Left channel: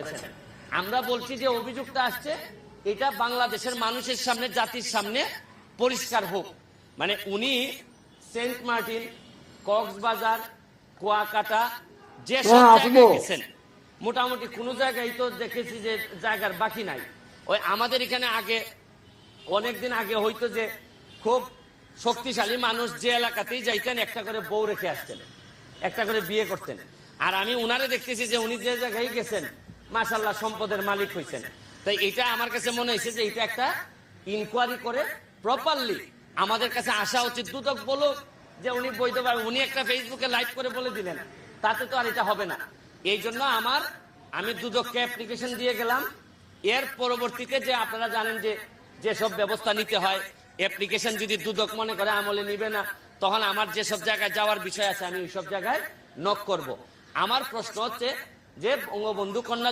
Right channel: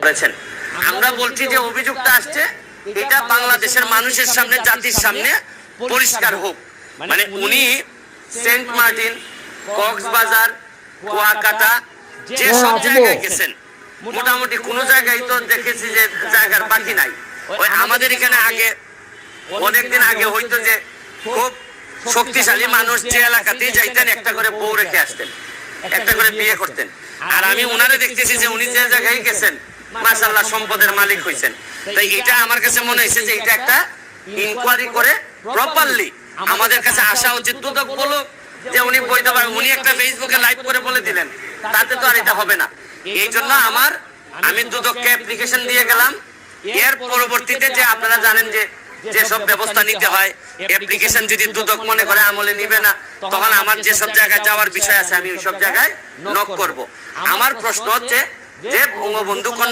করেছেন। আমরা বলছি যে অভিযোগটা আসছে এটা বাংলাদেশের মানুষের সামনে, জাতির সামনে পরিষ্কার হোক। মানে উনি সেন্ট মার্টিন, কক্সবাজার, কুয়াকাটা যে সব জায়গায় গেছেন, মোটামুটি কোন জায়গায় তো দেখেছি যে জায়গার বাকি নাই। ওই আমাদের এখানে আগে অনেকদিন আগে হইতো যে খুব শক্তিশালী মানুষ যে এলাকাতেই যাইতেন একটা করে বউ রেখে আসতেন, একটা করে বিয়ে করতেন। আর আমি ওনারে দেখতেছি যে উনি যে জায়গায় গেছেন মাশাআল্লাহ সম্পদের মালিক হইছেন। তাই এটা আমার কাছে মনে হয়েছে যে এটা একটা ইনকোয়ারি করে প্রপারলি আমাদের কাছে আসা উচিত। দুদক বলো যে উনি বলতে পারেন, উনি একটা ফেসবুকে লাইভ করে বলে দিলেন, তাতে তো আর এটা হবে না। এই জন্য আমি দুদককে অ্যাপ্লিকেশন দিয়ে গেলাম। এর পরবর্তীতে যে আপনারা জানেন যে যেসব ব্যবস্থা নিতে হয়, অ্যাপ্লিকেশন যদি দুদক মনে করে আমলে নিবে না, তখন আমার যেসব জায়গায় যাওয়ার বিষয় আছে আমি ওইসব জায়গায় নক করব। আমার প্রশ্ন হচ্ছে যে বঙ্গবন্ধু কন্যা